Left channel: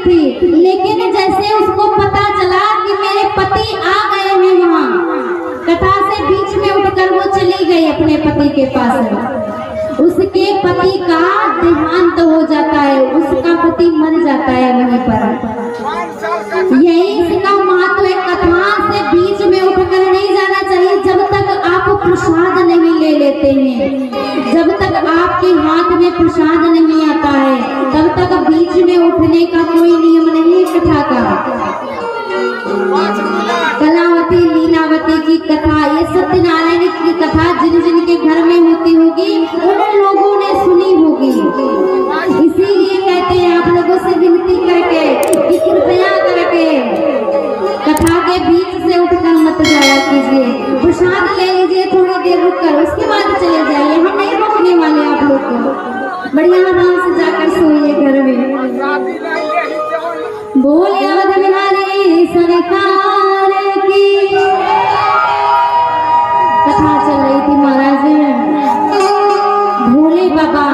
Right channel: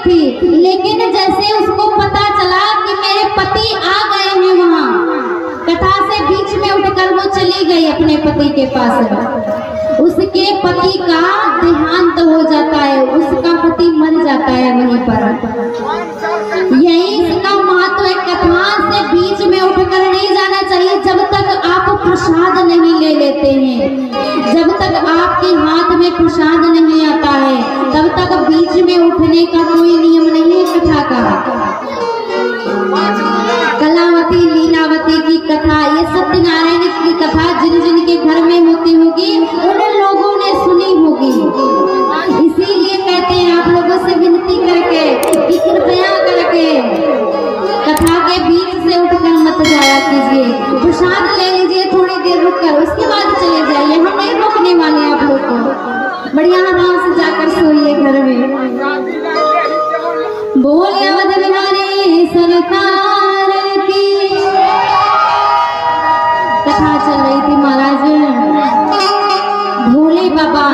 थी, लेकिन जैसे उसको पता चला कि मेरे पति आ गए हैं, वहाँ कथा से बीच में उठकर वो चली गई अपने पति के पास। उसके पति का देहांत हो जाता है, उसका पति मर जाता है वहीं पर। यही इसका महत्व है। कथा से बीच में उठकर नहीं जाना चाहिए जब तक आप प्रसाद नहीं ले लेते हैं, जब तक आपके हाथ में प्रसाद नहीं आता है, तब तक बीच में उठने का कोई नियम नहीं है कथा का। कलावती लीलावती की कथा, ये सत्यनारायण की कथा जिन जिन के घर में होती होगी उन लोगों ने सुनी होगी। इसीलिए कहते हैं आप लोगों से विनती करके कि कृपया करके कथा के बीच से उठकर मत जाया कीजिए, प्रसाद ले लीजिए थोड़ी देर रुककर, उसके बाद चले जाइए। हम नहीं रोकने वाले आप लोग को, बढ़िया आराम से जाकर सोइए घर में। बोलिए अवध बिहारी सरकार की। कथा चल रही थी महाराज, भोले बाबा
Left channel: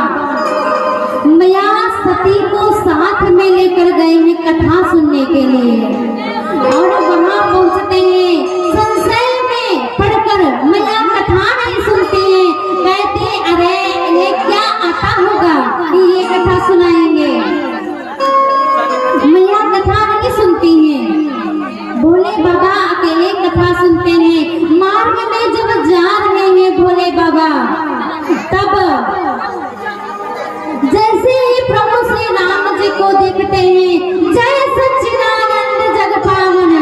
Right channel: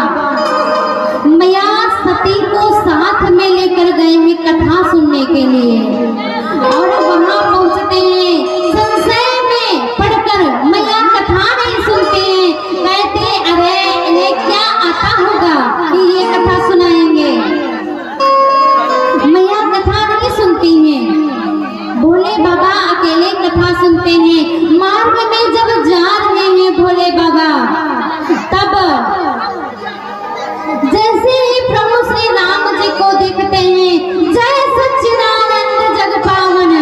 मैया सती को साथ में लेकर गए हैं कथा सुनने के लिए, और वहां पहुंचते हैं, संशय में पढ़कर मैया कथा नहीं सुनते हैं, कहते अरे इन्हें क्या आता होगा कि ये कथा सुनाएंगे। मैया कथा नहीं सुनती हैं, भोले बाबा अकेले कथा सुनते हैं। मार्ग में जब जा रहे हैं भोले बाबा, तब जैसे ही प्रभु श्री राम जी को देखते हैं, जय सच्चिदानंद जग पावन,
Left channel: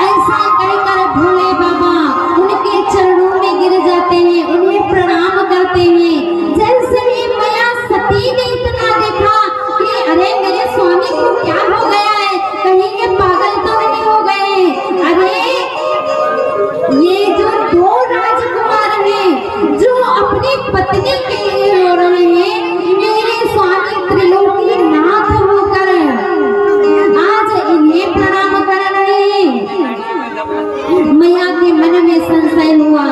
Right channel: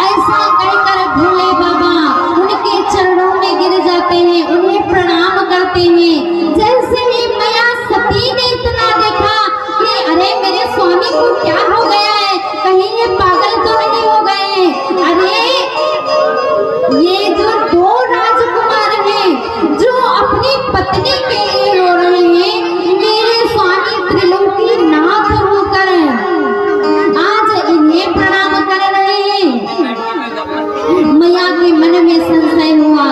ऐसा कहकर भोले बाबा उनके चरणों में गिर जाते हैं, उन्हें प्रणाम करते हैं। जैसे ही मैया सती ने इतना देखा कि अरे मेरे स्वामी को क्या हो गया है, कहीं ये पागल तो नहीं हो गए, अरे ये जो दो राजकुमार हैं जो अपनी पत्नी के लिए रो रहे हैं, मेरे स्वामी त्रिलोकी नाथ होकर आज इन्हें प्रणाम कर रहे हैं। मैया के मन में संशय हुआ।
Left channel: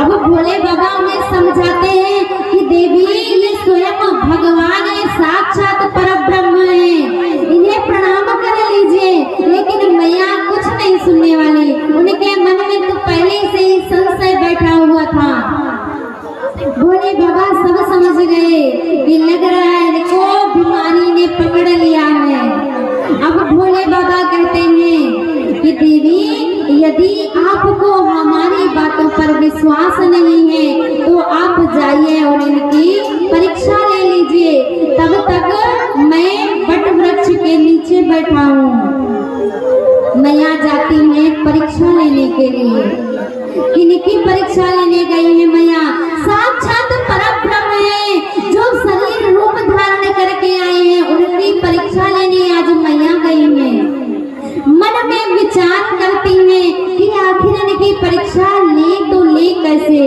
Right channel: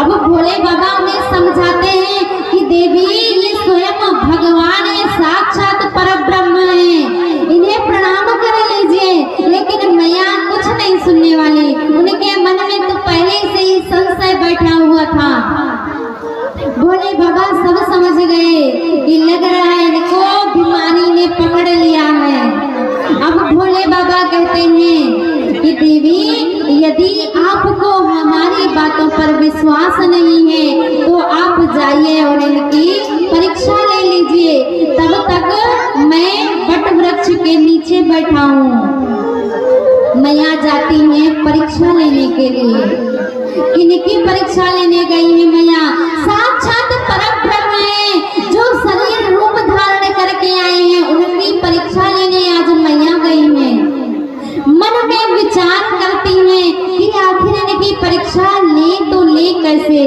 अब भोले बाबा उन्हें समझाते हैं कि देवी ये स्वयं भगवान है, साक्षात परब्रह्म है, इन्हें प्रणाम कर लीजिए। लेकिन मैया कुछ नहीं सुनने वाली, उनके मन में तो पहले से ही संशय बैठा हुआ था। भोले बाबा सब समझ गए कि लग रहा है इनको बीमारी ने पकड़ लिया है। अब भोले बाबा कहते हैं कि देवी यदि आपको हमारी बातों पर विश्वास नहीं है तो आप जाइए और इनकी परीक्षा ले लीजिए, तब तक मैं वट वृक्ष के नीचे बैठा हूँ। मैया जाती हैं परीक्षा लेने के लिए। किनकी परीक्षा लेने गई है मैया? साक्षात परब्रह्म है जो शरीर रूप धारण करके आए हैं, उनकी परीक्षा लेने आज मैया गई हैं। मन में विचार करती हैं कि आखिर इनकी परीक्षा ले तो ले कैसे,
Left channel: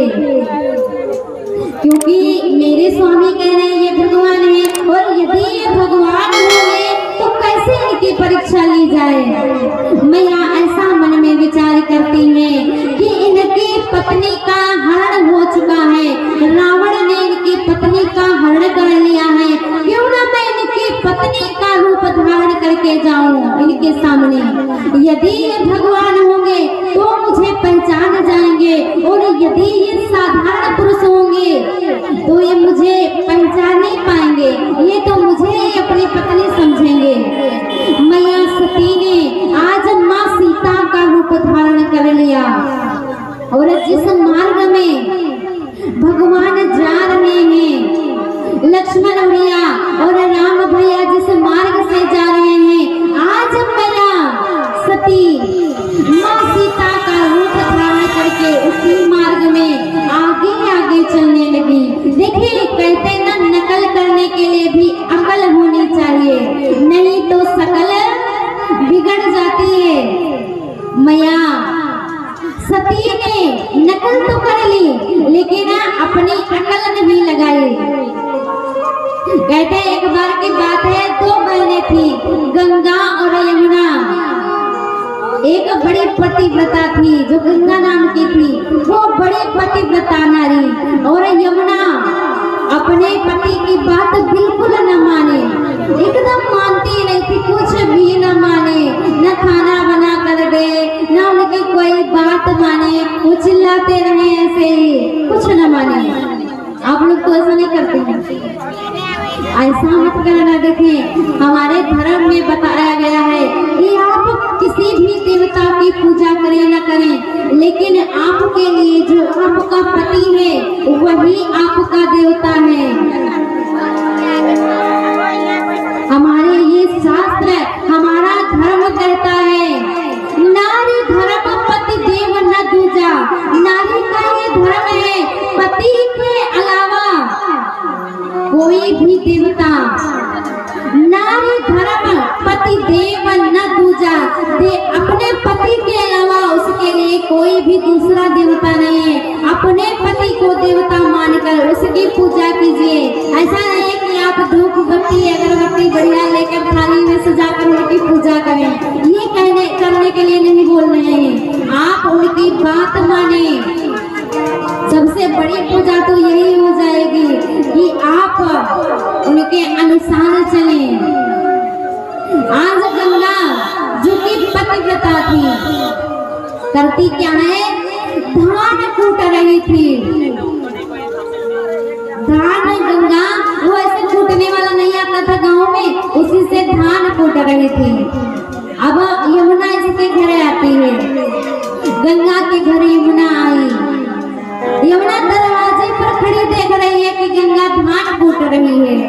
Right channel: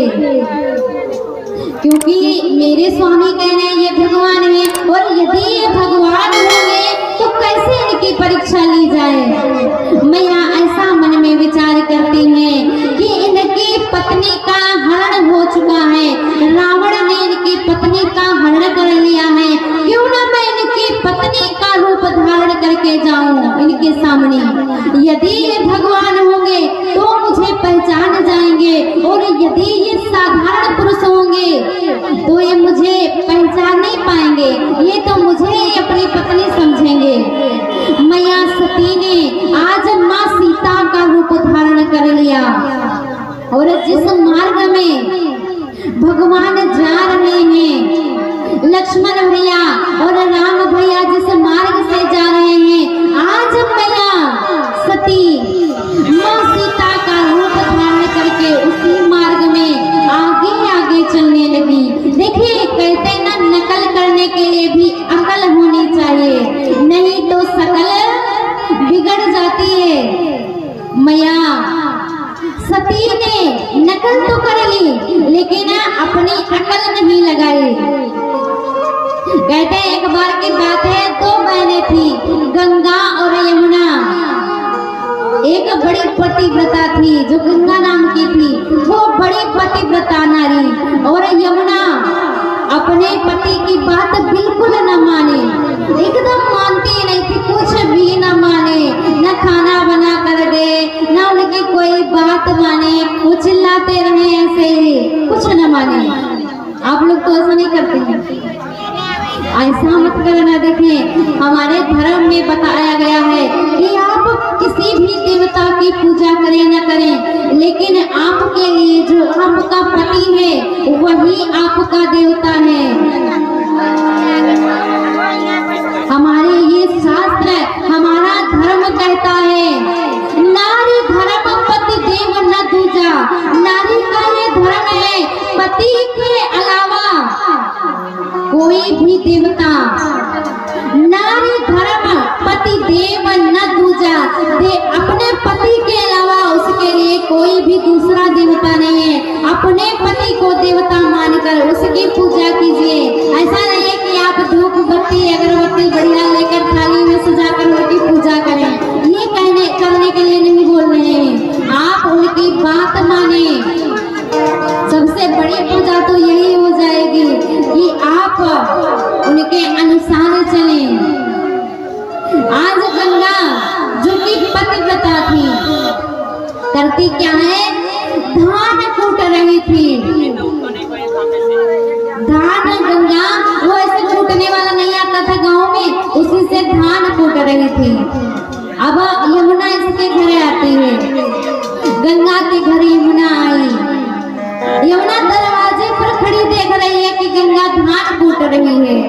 क्योंकि मेरे स्वामी कह रहे हैं ये भगवान है, और यदि ये भगवान होंगे तो कैसे इनकी परीक्षा ली जाए। मैया ऐसा मन में विचार करती हैं कि इनकी पत्नी का हरण हो चुका है, रावण ने इनकी पत्नी का हरण कर लिया है, क्यों ना मैं इनकी पत्नी का रूप धारण करके जाऊं इनके सामने। यदि ये भगवान होंगे तो मुझे पहचान जाएंगे, और यदि ये साधारण पुरुष होंगे तो ये मुझे पहचान नहीं पाएंगे, ये तो मुझे अपनी पत्नी समझेंगे। मैया सती ने आज माँ सीता का रूप धारण कर लिया, और जिस मार्ग में भगवान जा रहे हैं, लक्ष्मण भैया और राम भैया जिस मार्ग से जा रहे हैं, आज मैया सती माँ सीता का रूप धारण करके उसी मार्ग में आगे आगे चलने लगी। देखिए कहते ना, नकल करने के लिए भी अकल होनी चाहिए, नहीं तो शकल बिगड़ जाती है। मैया सती ने नकल तो कर ली, लेकिन अपनी अकल नहीं लगाई। कहते एक बार की बात है, दो बहनें थी, गंगा और यमुना। एक बड़ी पतिव्रता थी जो गंगा नाम की थी, वो बड़ी पतिव्रता नारी, और यमुना अपने पति की बात बिल्कुल न माने। एक ऐसा मत करना। देखिए हमारे धर्म में बताया गया है कि आप किसी भी देवता की पूजा करें न करें, लेकिन आपके लिए जो आपका पति है वही आपका देवता है। हमारे ये शास्त्र, हमारा धर्म कहता है नारी धर्म पति देव न दूजा। नारी का ये धर्म है, पति के अलावा कोई भी देवता, नारी धर्म पति देव न दूजा। अपने पति के अलावा उसके लिए कोई भी दूसरा देवता नहीं है। अपने पति को देवता मानकर उसकी पूजा कीजिए। ऐसा नहीं है कि आप धूप बत्ती अगरबत्ती बढ़िया लेकर थाली में सजाकर उनकी पूजा करें। ये करने के लिए नहीं बोल रहे हैं, आप उनकी बात माने। सबसे बड़ी पूजा तो यही हो जाएगी कि आप उनके अनुसार चलें। आज गंगा जो कि पतिव्रता थी, करती क्या है, धान कूट रही थी। धान गंगा वो ऐसे कूटने वाला नहीं आता था गांव में, उसी से धान कूट रही थी। अब यमुना इसके घरे आती है, गंगा के घर यमुना आई। यमुना दरवाजे पर खड़ी देख रही है कि गंगा धान कूट रही है।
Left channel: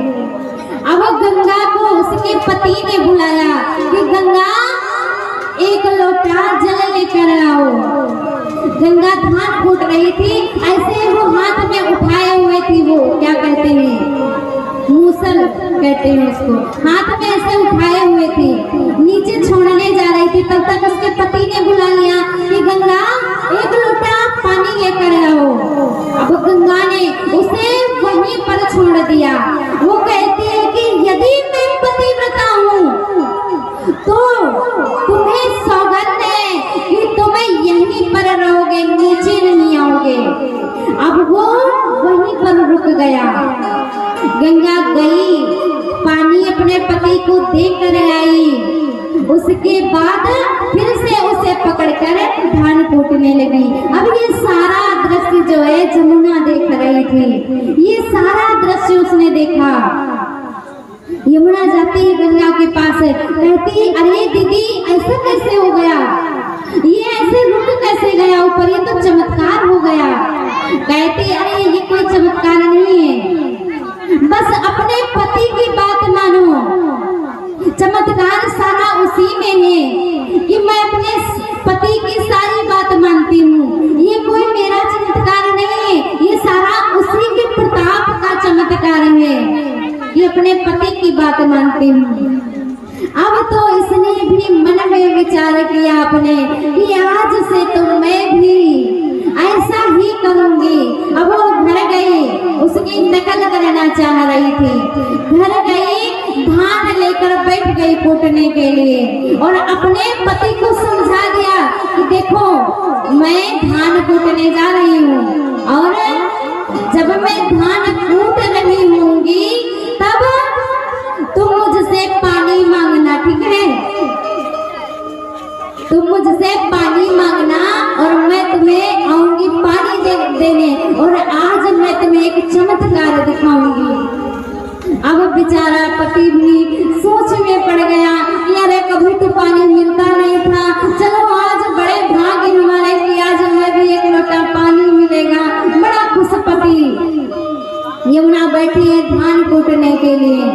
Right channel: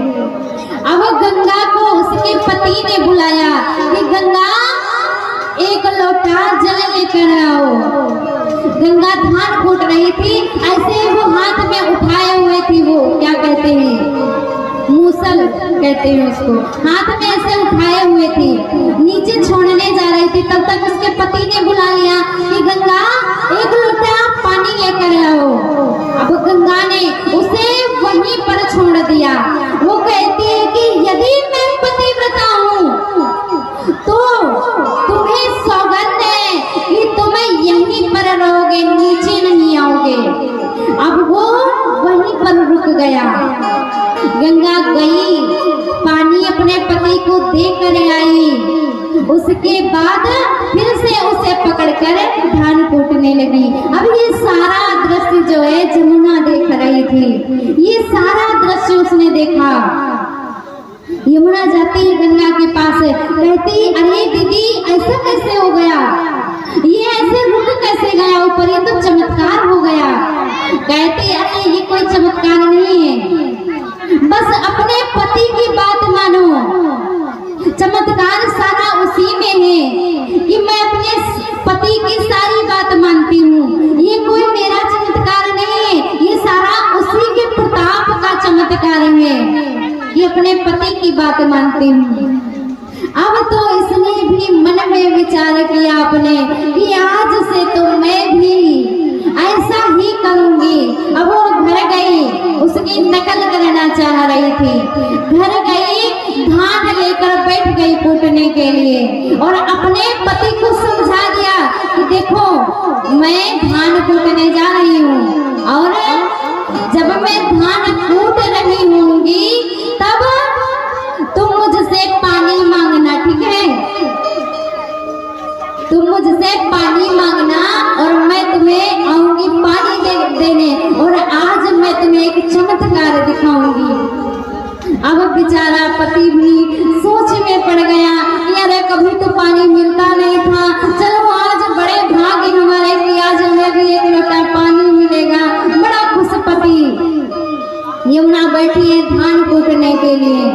अब गंगा को उसके पति ने बुलाया कि गंगा एक लोटा जल लेकर आओ। गंगा धान कूट रही थी, ऐसे वो हाथ में उठाए हुए थी, वो क्या कहते हैं, मूसल कहते हैं उसको, हाथ में ऐसे उठाए हुए थी, नीचे छोड़ने जा रही थी। तब तक उसके पति ने बुला लिया कि गंगा एक लोटा पानी लेकर आओ। अब गंगा ने उसे वहीं पर छोड़ दिया। वो कहती है कि यदि मैं पतिव्रता हूँ तो तुम्हें सौगंध है कि तुम्हें यहीं पर रहोगे, नीचे नहीं आओगे। अब वो वहीं पर रुक गया। गंगा गई, पानी अपने पति को दे कर आई। उसके बाद फिर से उसे पकड़कर धान कूटने लगी। अब ये सारा दृश्य जो है जमुना देख रही थी, ये सारा दृश्य उसने देखा। यमुना जाती है गंगा के पास, कहती अरे दीदी ऐसा कैसे हो गया, ये ऐसे रुक कैसे गया ऊपर, ये तो चमत्कार हो गया। कहती अरे ये कोई चमत्कार नहीं है, बस अपने पति की बात मानो। चमत्कार सारा उसी में है कि मैं अपने पति की सारी बात मानती हूँ। ये कोई मेरा चमत्कार नहीं है, ये सारा उसी के प्रताप का चमत्कार है कि अपने पति की बात मानती हूँ। अब तो इसने भी मन में विचार किया अपने कि आज से तो मैं भी ऐसा ही करूंगी। अब वो घर गई, उसकी नकल करना चाह रही थी। घर गई, धान लेकर बैठ गई कूटने के लिए और अपने पति को समझा दिया कि देखो मैं धान कूटने जा रही हूँ और जब मैं धान कूट रही होंगी तब तुम मुझसे पानी मांगना, ठीक है? तुम मुझसे पानी मांगना और मैं तुम्हें आऊंगी पानी देने और आज मैं तुम्हें एक चमत्कार दिखाऊंगी। अब बेचारा पति भी सोच में पड़ गया कि अरे कभी तो पानी मिलता नहीं था, चलो आज बड़े भाग्य हमारे कि आज हमें भी एक लोटा पानी मिलेगा। बड़ा खुश पति यमुना बैठी है धान कूटने के लिए,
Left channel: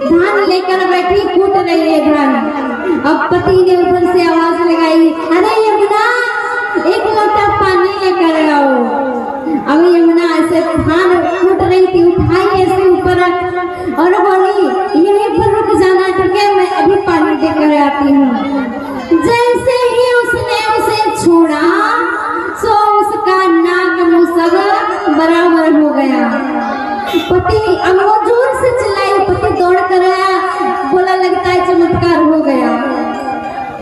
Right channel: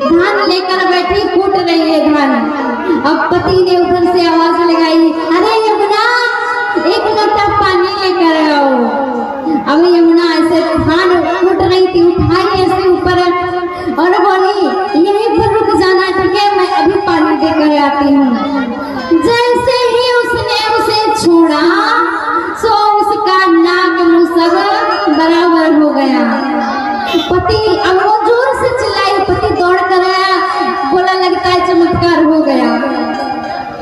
धान लेकर बैठी कूट रही है धान। अब पति ने उधर से आवाज लगाई अरे यमुना एक लोटा पानी लेकर आओ। अब यमुना ऐसे धान कूट रही थी, उठाई ऐसे ऊपर और बोली यहीं पर रुक जाना, ठीक है, मैं अभी पानी देकर आती हूँ। जैसे ही उसने उसे छोड़ा सो उसका नाक मुंह सब बराबर हो गया। पति अब वो जोर से चिल्लाई, पति दौड़ कर आया, बोला लगता है चमत्कार हो गया,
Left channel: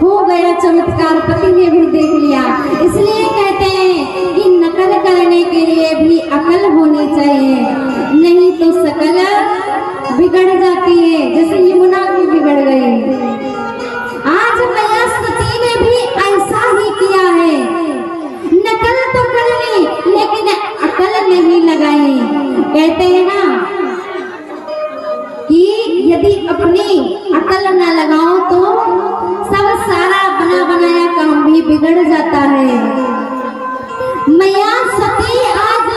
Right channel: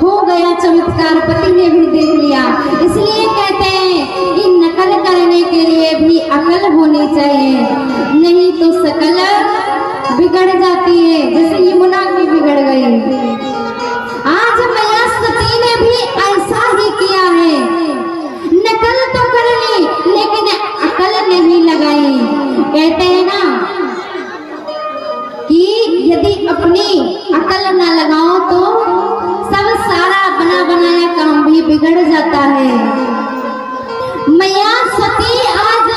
हो गया चमत्कार। पति ने भी देख लिया। इसलिए कहते हैं कि नकल करने के लिए भी अकल होनी चाहिए, नहीं तो शकल बिगड़ जाती है, जैसे यमुना की बिगड़ गई। आज मैया सती ने भी ऐसा ही किया है, नकल तो कर ली लेकिन अकल नहीं लगाई। कहते हैं ना यदि अपनी अकल न लगाओ तो सब सारा बना बनाया काम भी बिगड़ जाता है। मैया सती आज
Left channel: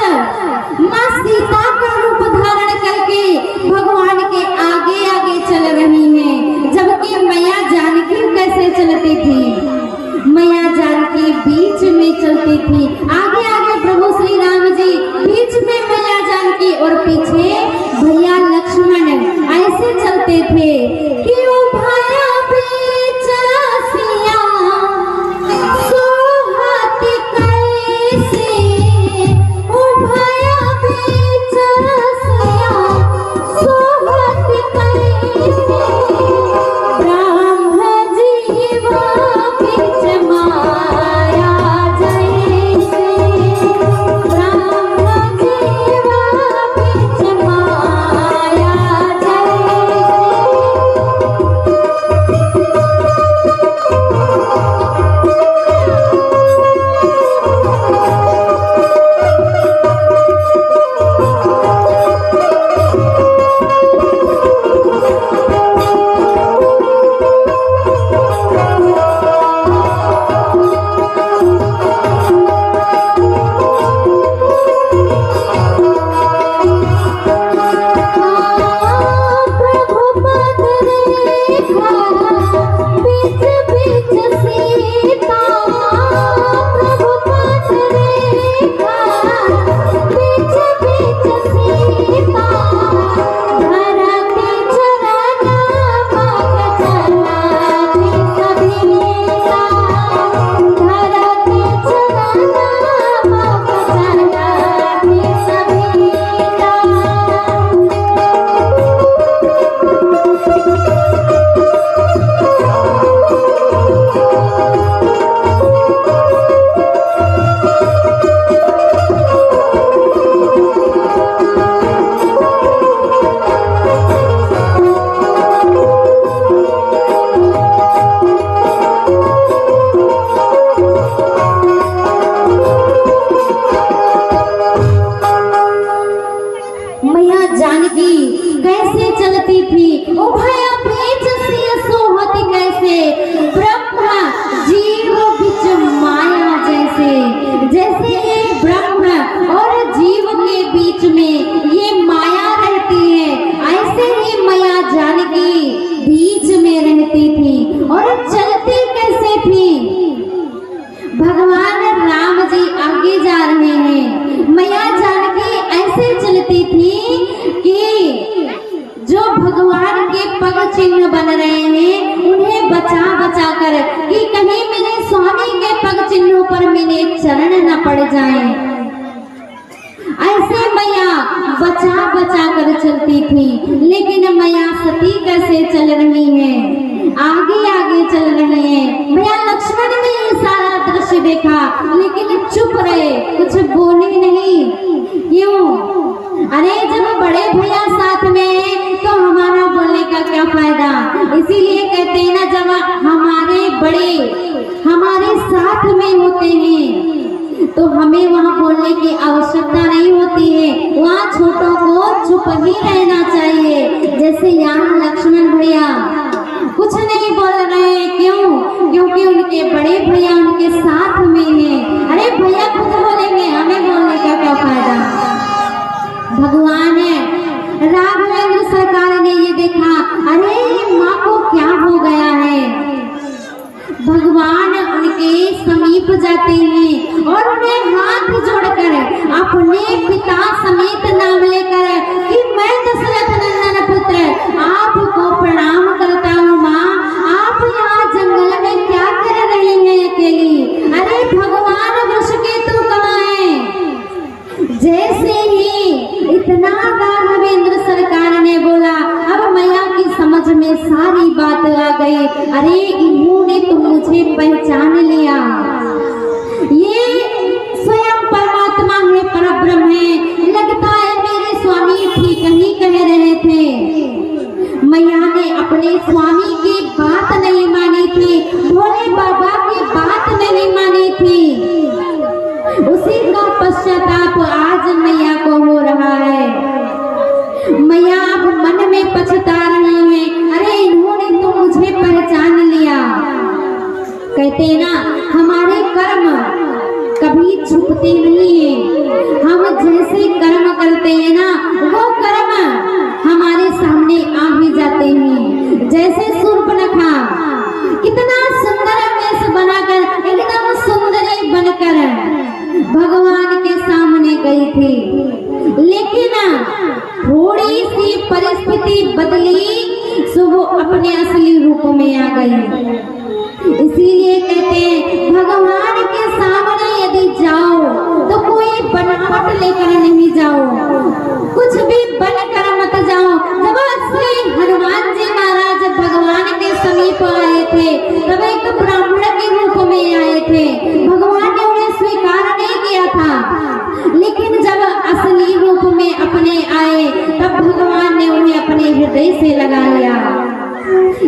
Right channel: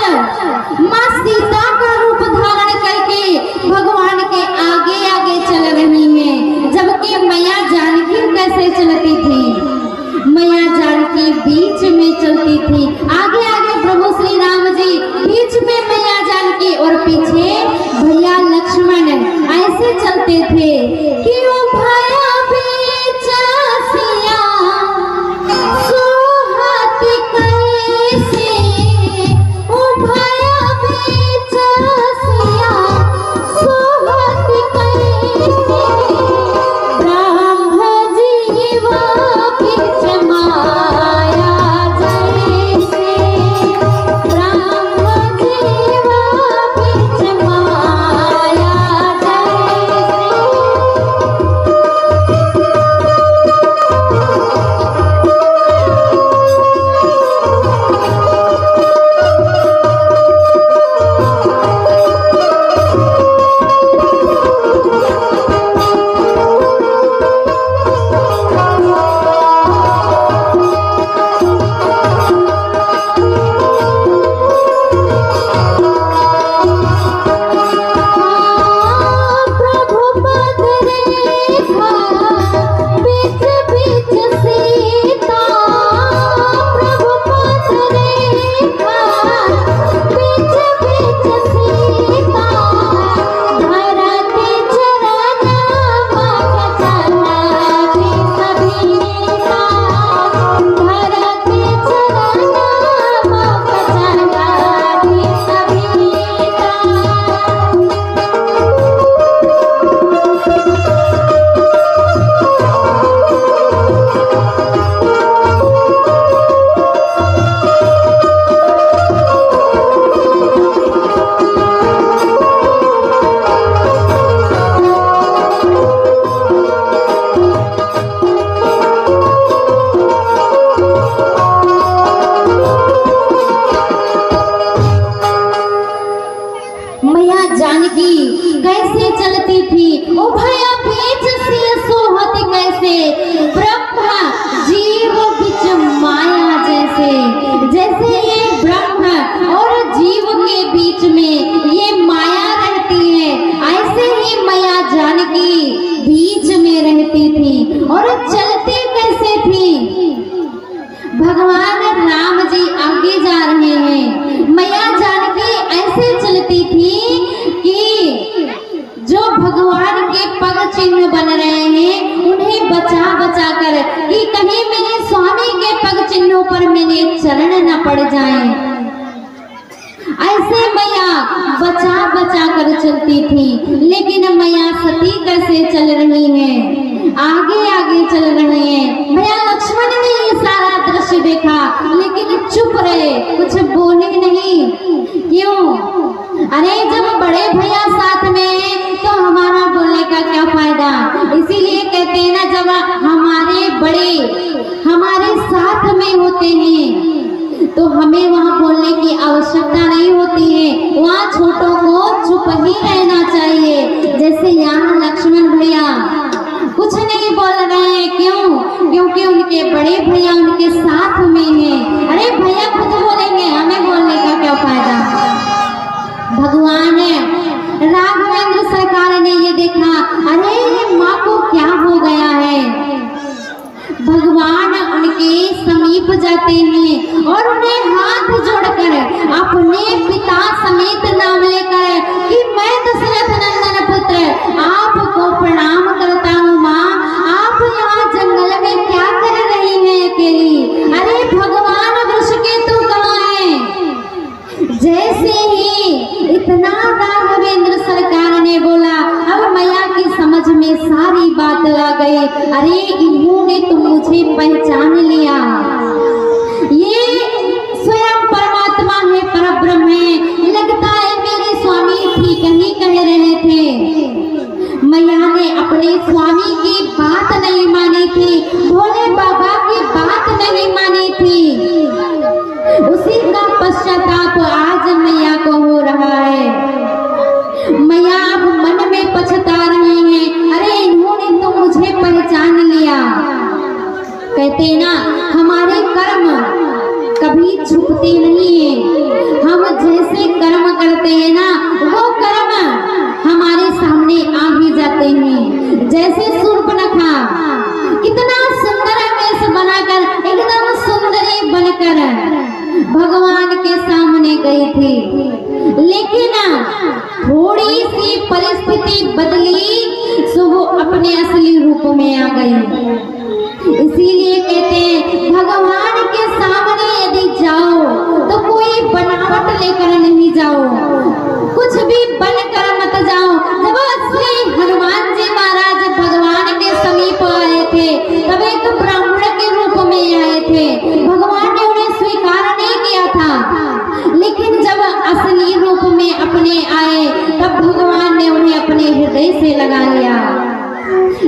माँ सीता का रूप धारण करके भगवान के आगे आगे चल रही है, जबकि मैया जानकी कैसे चलती थी? मैया जानकी बीच में चलती थी, आगे आगे प्रभु श्री राम जी, बीच में मैया जानकी और पीछे भैया लक्ष्मण ऐसे चलते थे। क्यों भया बीच सिया सोहती कैसे, ओ भया बीच सिया सोहती कैसे, ब्रह्म जीवा बीच माया जैसे, ब्रह्म जीवा बीच माया जैसे। प्रभु पद रेखा बीच बीच सीता, प्रभु पद रेखा बीच बीच सीता, धरा के चरना मग चला भी सभीता, धरा के चरना मग चला भी सभीता। मैया जानकी कैसे चलती थी? ओ भया बीच सिय सोहती कैसे, ब्रह्म जीव बीच माया जैसे। जैसे ये ब्रह्म और जीव के बीच में ये माया रहती है, ऐसे ही मैया जानकी बीच में रहती थी। और चलती कैसे थी? भगवान राम जी आगे जा रहे हैं, मैया जानकी ऐसे चलती थी कि जो भगवान के पग चिन्ह बन रहे हैं उन्हें बचा बचा कर, कि कहीं मेरे स्वामी के पग चिन्हों पर मेरे चरण न पड़ जाएं, ऐसे मैया बचा बचा कर चलती थी। लेकिन मैया सती कैसे चल रही है? आगे आगे चल रही है। भैया लक्ष्मण ने ये सारा दृश्य देखा लेकिन चुप रहे, कुछ बोले नहीं। क्यों? अरे जब बड़े भैया साथ में हैं तो हमारा बोलने का क्या फायदा? इसीलिए कहते हैं ना, जब हमारे बड़े हमारे साथ में होते हैं तो हमें वहाँ बोलने की आवश्यकता नहीं होती है, वहाँ छोटों को चुप ही रहना चाहिए। जैसे यहाँ लक्ष्मण भैया कुछ नहीं बोल रहे हैं। क्यों? क्योंकि उनके बड़े भैया उनके साथ में हैं। अरे भैया खुद बोलेंगे, हमें बोलने का क्या फायदा? भगवान राघवेंद्र सरकार ने ये देखा, अरे ये माँ को क्या हो गया है? भगवान उनके समीप जाते हैं और उन्हें हाथ जोड़कर अपने पिता समेत नाम लेकर कि मैं दशरथ नंदन पुत्र आपको प्रणाम करता हूँ। माँ, आप यहाँ जंगल में क्या कर रही हैं अकेली? अरे भगवान वृषकेतु कहाँ हैं? जैसे ही इतना राघवेंद्र सरकार ने बोला, अब मैया की समझ में सारी बात आ गई। अरे इन्होंने तो मुझे पहचान लिया, ये स्वयं परमात्मा है, परब्रह्म है। जैसे सूर्पनखा कितना सुंदर वेश बनाकर एकदम सुंदरी बनकर भगवान के सामने गई थी, लेकिन थोड़ी सी परिस्थिति बदली सो वो अपने असली रूप में आ गई। इसीलिए कहते हैं भगवान के सामने यदि जाओ तो कोई बनावट लेकर नहीं जाओ, कुछ भी बनकर मत जाओ। जब श्री हनुमान जी महाराज भगवान के समीप आए थे तब एक ब्राह्मण के रूप में आए थे। भगवान ने उन्हें स्वीकार नहीं किया था, लेकिन जब असली रूप में अपने आए तब भगवान ने उन्हें अपने हृदय से लगा लिया।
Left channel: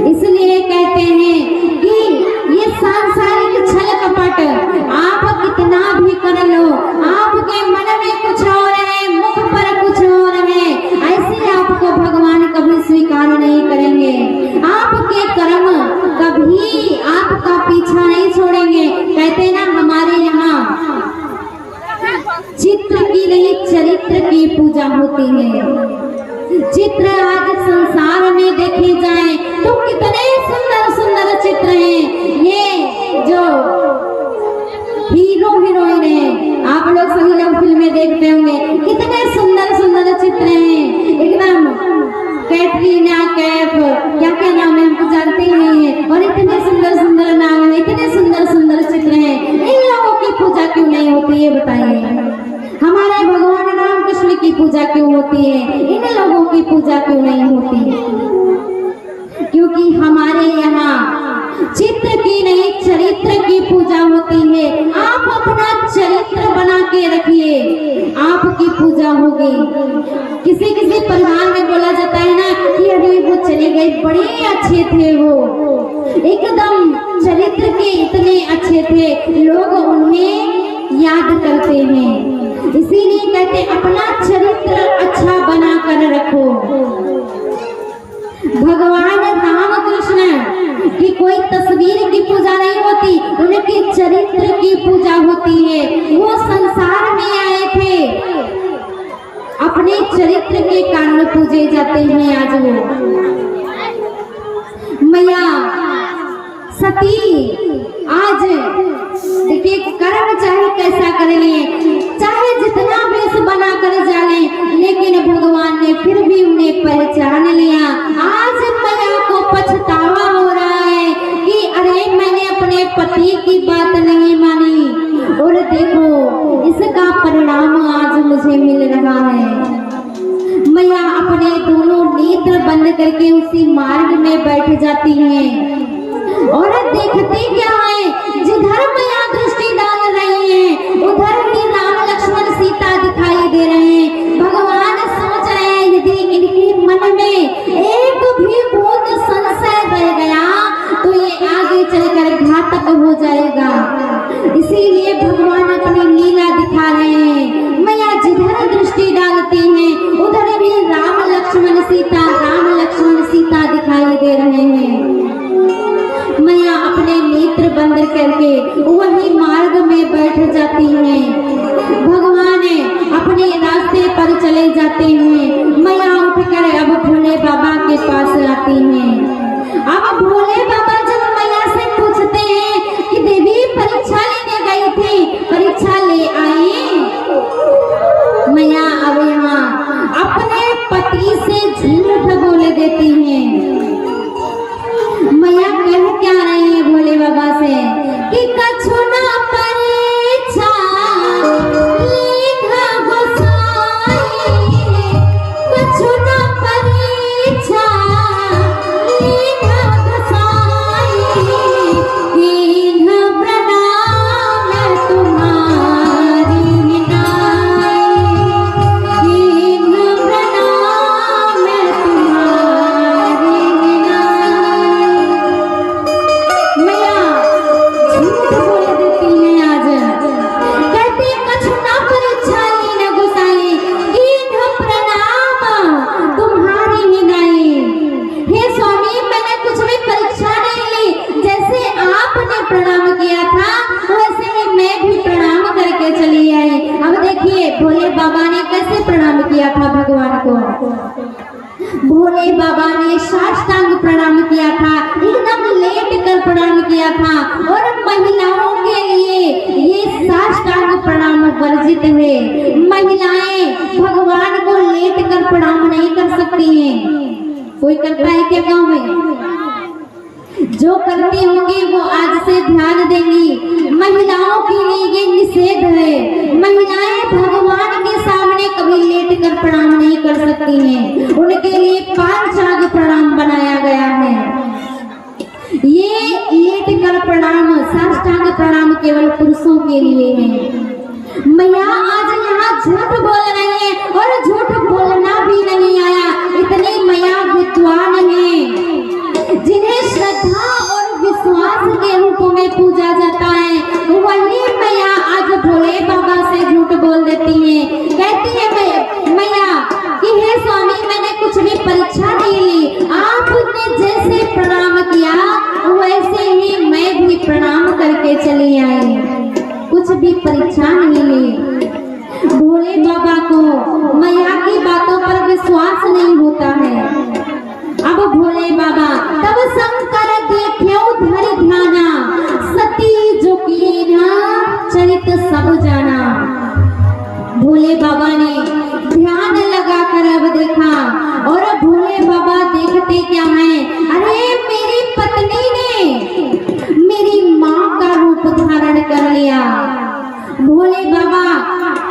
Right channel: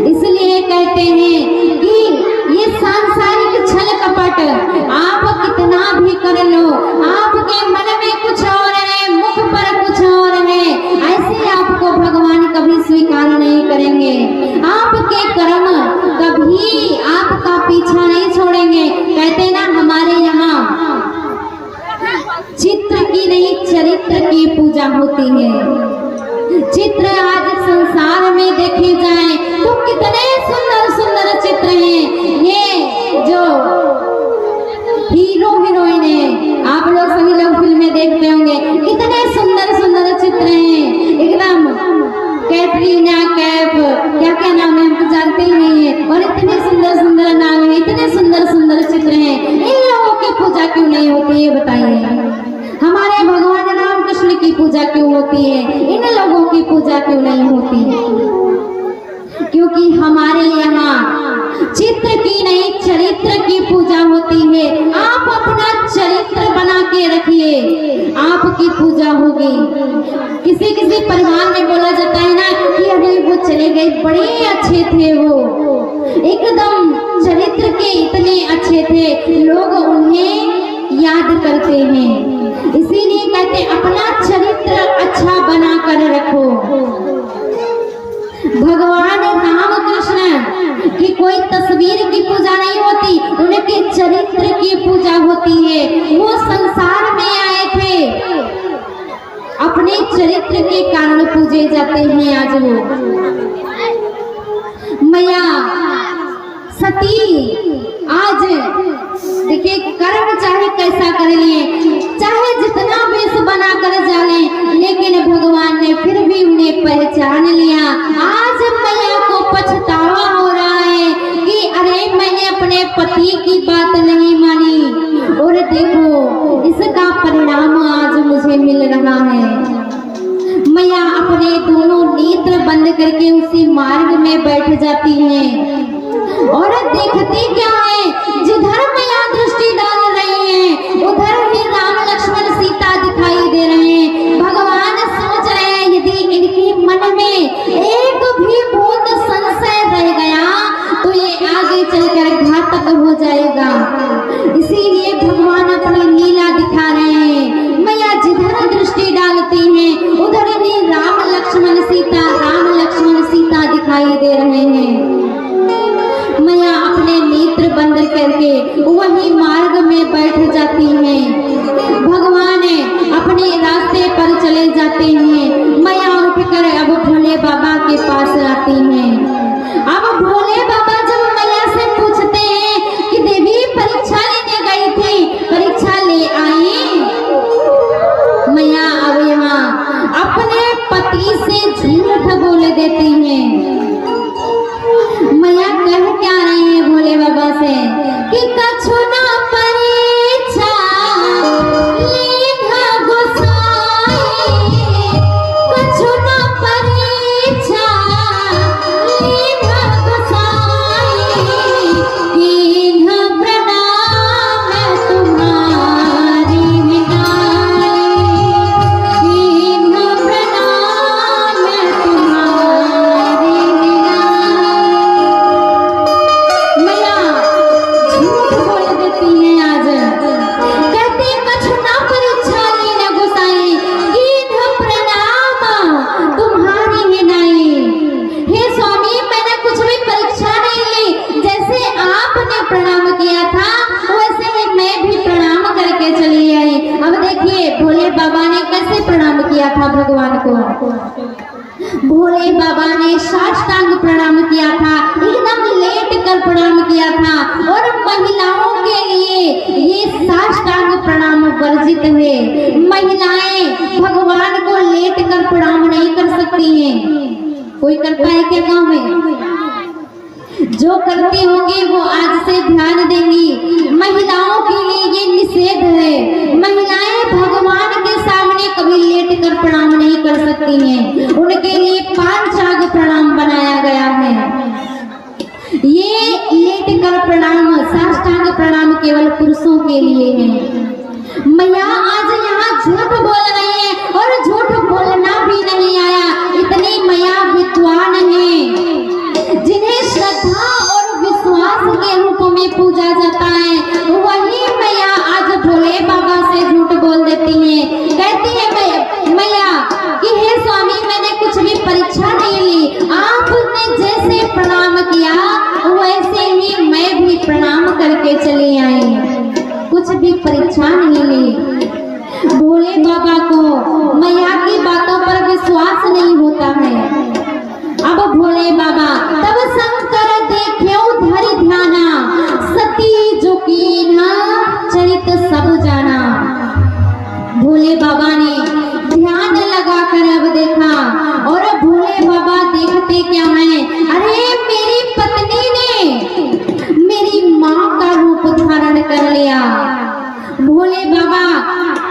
इसलिए कहते हैं कि ये सांसारिक छल कपट आप कितना भी कर लो, आपके मन में कुछ और है, मुख पर कुछ और है, ऐसे आपको भगवान कभी स्वीकार नहीं करेंगे। आपके कर्म कभी आपका पीछा नहीं छोड़ेंगे। कहते ना हमारे यहाँ चित्र की नहीं चरित्र की पूजा होती है। चित्र आज संसार में देखे जाए तो कितने सुंदर सुंदर चित्र हैं। ये जो हीरो हीरोइन है, आप लोग सभी लोग फिल्में देखते होंगे, कितने सुंदर सुंदर चित्र हैं। एकदम कैटरीना कैफ, क्या क्या नाम है हमको जानते ही नहीं है, और इतने सुंदर सुंदर नाम है, इतने सुंदर सुंदर चित्र हैं। इन लोगों की पूजा क्यों नहीं होती है बताइए? हमारे भगवान राम कृष्ण की पूजा क्यों होती है, इन लोगों की पूजा क्यों नहीं होती है? क्योंकि हमारे यहाँ चित्र की नहीं चरित्र की पूजा होती है। आप अपना चरित्र बना के रखिए, आपकी पूजा होगी। किसी किसी परिवार में बोला जाता है ना कि अरे वो चले गए, बड़े अच्छे थे, वो एकदम चरित्र के इतने अच्छे थे, लोग उन्हें याद करते हैं। इसीलिए कहते अपना चरित्र अच्छा बना कर रखो। भगवान राम कृष्ण की कोई तस्वीर की पूजा नहीं होती, उनके चरित्र की पूजा होती है। वो संसार में आए थे, अपने चरित्र के कारण पूजे जाते हैं। आज वो मैया सती आज देखिए कर्म चाहे कैसा कर लिए, चाहे जितना वेश बना कर जाले, लेकिन भगवान ने फिर भी उन्हें पहचान लिया। आज मैया को पछतावा हो रहा है कि अरे मैंने अपने पति की बात नहीं मानी, और देखो इसका परिणाम आज मुझे मिल रहा है। मैया अपने दोनों नेत्र बंद करके उसी मार्ग में बैठ जाती हैं और देखती क्या है, जिधर मैया दृष्टि डाल रही हैं उधर ही राम लक्ष्मण सीता दिखाई दे रहे हैं। भगवान सोच रहे हैं यदि इनके मन में एक भी बूंद संशय रह गया तो ये आगे चलकर घातक हो जाएगा। इसीलिए भगवान अपनी लीला दिखा रहे हैं। मैया जिधर दृष्टि डालती हैं उधर ही राम लक्ष्मण सीता दिखाई दे रहे हैं। मैया अपने नेत्र बंद करके वही मार्ग में बैठ जाती हैं। भगवान अपने रास्ते पर चले जाते हैं। मैया उठकर अब भोले बाबा के पास आती हैं। अब भोले बाबा जब मैया से पूछते हैं कि देवी परीक्षा लेने गई थी, परीक्षा ले आई? मैया अब यहाँ अपने पति से झूठ बोल देती हैं। मैया कह क्या रही है भोले बाबा से कि कछु ना परीक्षा लीधा गोसाई, कछु ना परीक्षा लीधा गोसाई, कीन्ह प्रणाम तुम्हारी विनाई, कीन्ह प्रणाम तुम्हारी विनाई। मैया झूठ बोल देती है। आज कहते कछु ना परीक्षा लीन गोसाई, कीन्ह प्रणाम तुम्हारी विनाई। हे स्वामी मैंने कुछ भी परीक्षा नहीं ली, जैसे आपने प्रणाम किया था वैसे ही मैं भी प्रणाम करके चली आई। अब देखिए भोले बाबा ने कैसे प्रणाम किया था भगवान को। भोले बाबा ने साष्टांग प्रणाम किया था, एकदम लेट कर प्रणाम किया था। और महिलाओं के लिए ये साष्टांग प्रणाम वर्जित है। महिलाएं भगवान को लेट कर प्रणाम नहीं कर सकती हैं। कोई करता है क्या गाँव में? जो करती होंगी वो आज से ध्यान देंगी। महिलाओं के लिए ये निषेध है। महिलाएं भगवान के सामने कभी लेट कर प्रणाम नहीं कर सकती हैं। उनके लिए पांचांग प्रणाम बनाया गया है। ये लेट कर प्रणाम, साष्टांग प्रणाम केवल पुरुषों के लिए है। मैया आज यहाँ झूठ बोल रही है और झूठ बोलना भी नहीं आया। इतनी मैया विद्वान है जिन्हें श्रद्धा और विश्वास के रूप में पूजा जाता है। वही मैया आज भोले बाबा से झूठ बोल देती है। कहती है मैया कि हे स्वामी, मैंने कुछ भी परीक्षा नहीं ली, आपने जैसे प्रणाम किया वैसे ही मैं भी प्रणाम करके चली आई, कुछ भी परीक्षा नहीं ली। भोले बाबा को मैया की बातों पर विश्वास नहीं होता है। अब भोले बाबा तब शंकर देख्यो धरि ध्याना, सती जो कीन्हा चरित सब जाना। भोले बाबा ने ध्यान लगा कर अब देखा और भोले बाबा देखते क्या है, अरे मेरी पत्नी ने मेरी माँ का रूप धारण कर लिया। भोले बाबा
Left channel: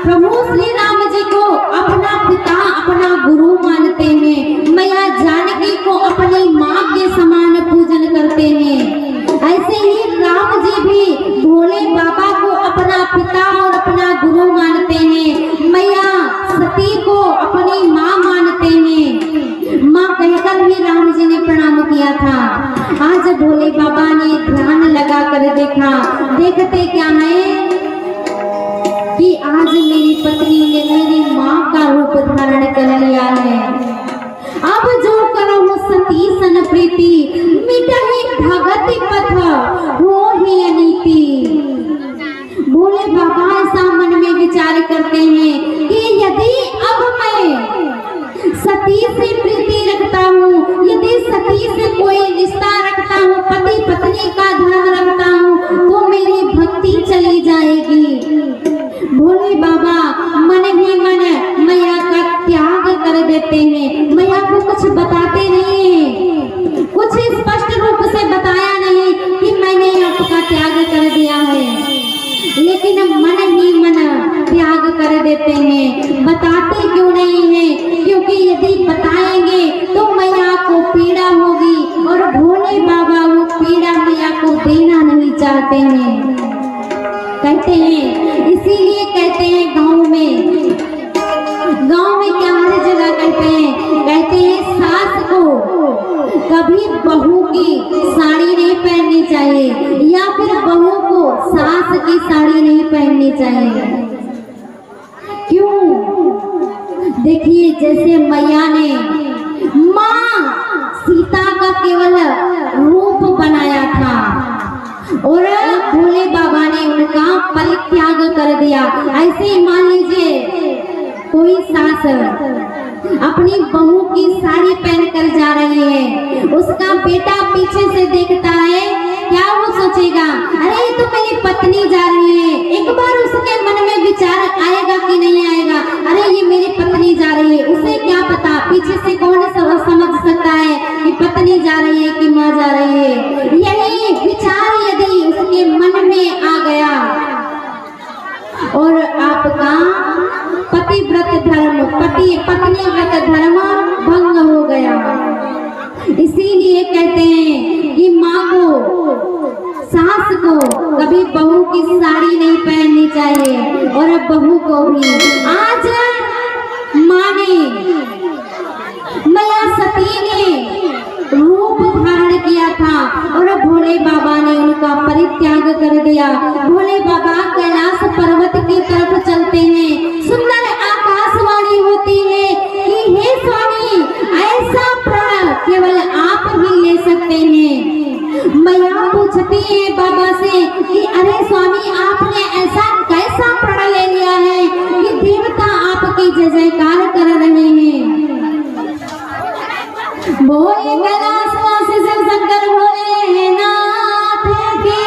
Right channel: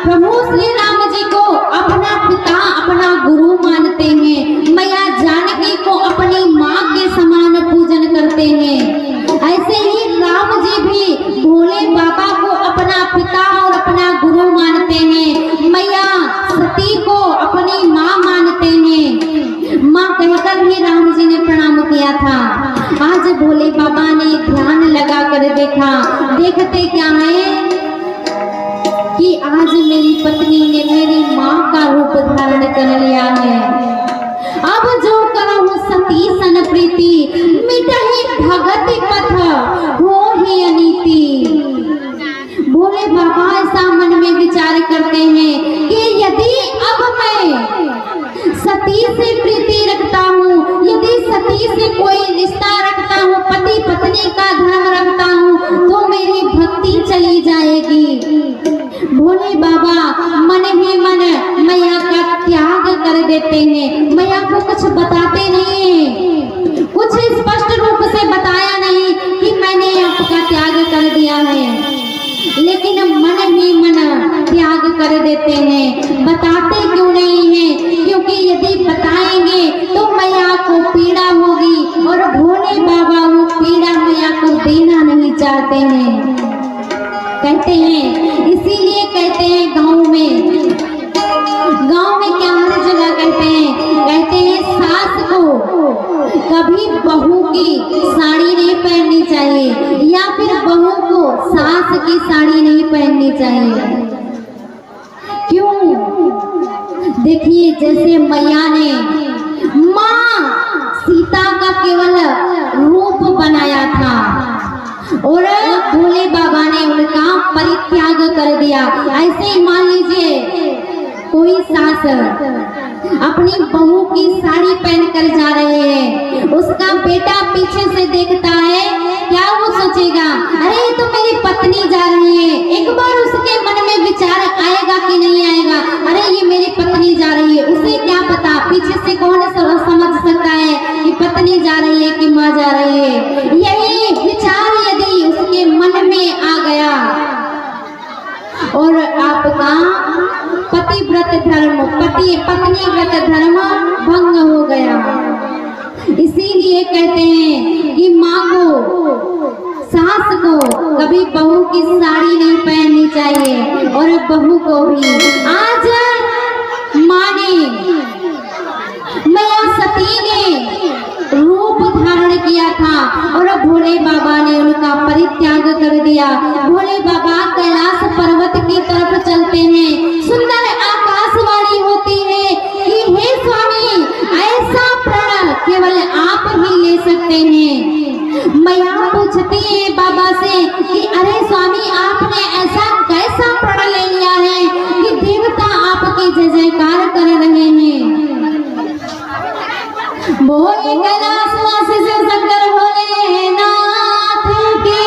प्रभु श्री राम जी को अपना पिता, अपना गुरु मानते हैं। मैया जानकी को अपनी माँ के समान पूजन करते हैं। ऐसे ही राम जी भी भोले बाबा को अपना पिता और अपना गुरु मानते हैं। मैया सती को अपनी माँ मानते हैं। माँ कहकर ही राम जी ने प्रणाम किया था। आज भोले बाबा ने ध्यान लगा कर देखा, देखते क्या है कि आज मेरी पत्नी ने मेरी माँ का रूप धारण कर लिया है। अब जो करहु सती सन प्रीति, मिटहि भगति पथ हो ही अनीति। भोले बाबा ऐसा मन में विचार करते हैं कि यदि अब मैं सती से प्रीति रखता हूँ, यदि सती से कोई रिश्ता रखता हूँ, पति पत्नी का धर्म रखता हूँ, तो मेरी भक्ति चली जाएगी। भोले बाबा मन ही मन मैया का त्याग कर देते हैं। मैया को कुछ बताते नहीं है, कुछ स्पष्ट रूप से बताया नहीं कि मैंने आपका त्याग कर दिया है, लेकिन मन ही मन त्याग कर देते हैं। बताते क्यों नहीं है? क्योंकि यदि बताएंगे तो मैया को पीड़ा होगी और भोले बाबा वो पीड़ा मैया को देना नहीं चाहते हैं। कहते हैं, इसीलिए कहते हैं गाँव में क्या हर जगह कहते हैं सास को कभी बहू की साड़ी नहीं पहननी चाहिए, या फिर बहू को सास की साड़ी नहीं पहननी चाहिए। क्यों? देखिए, जैसे मैया ने माँ सीता का केवल रूप बनाया था और भोले बाबा ने उनका परित्याग कर दिया। ऐसे ही मान लीजिए कोई सास अपनी बहू की साड़ी पहनकर जा रही है, उसका बेटा पीछे से देखता है, क्या वो सोचेगा, अरे ये तो मेरी पत्नी जा रही है। एक बार उसके मन में विचार आएगा कि नहीं आएगा, अरे ये मेरी पत्नी जा रही है। उसे क्या पता पीछे से कौन समझ सकता है कि पत्नी जा रही है कि माँ जा रही है। यही विचार यदि उसके मन में आ गया और आपका पतिव्रत धर्म, पति पत्नी व्रत धर्म भंग हो गया। इसीलिए कहते हैं कि माँ को, सास को कभी बहू की साड़ी नहीं पहननी चाहिए और बहू को भी। आज माँ ने, मैया सती ने रूप धारण किया था और भोले बाबा ने उनका परित्याग कर दिया। भोले बाबा कैलाश पर्वत की तरफ चलते हैं। सुंदर आकाशवाणी होती है कि हे स्वामी, ऐसा प्रण केवल आप ही ले सकते हैं। मैया पूछती है बाबा से कि अरे स्वामी, आपने ऐसा कैसा प्रण ले लिया है कि देवता आपकी जय जयकार कर रहे हैं। हो एक कैलाश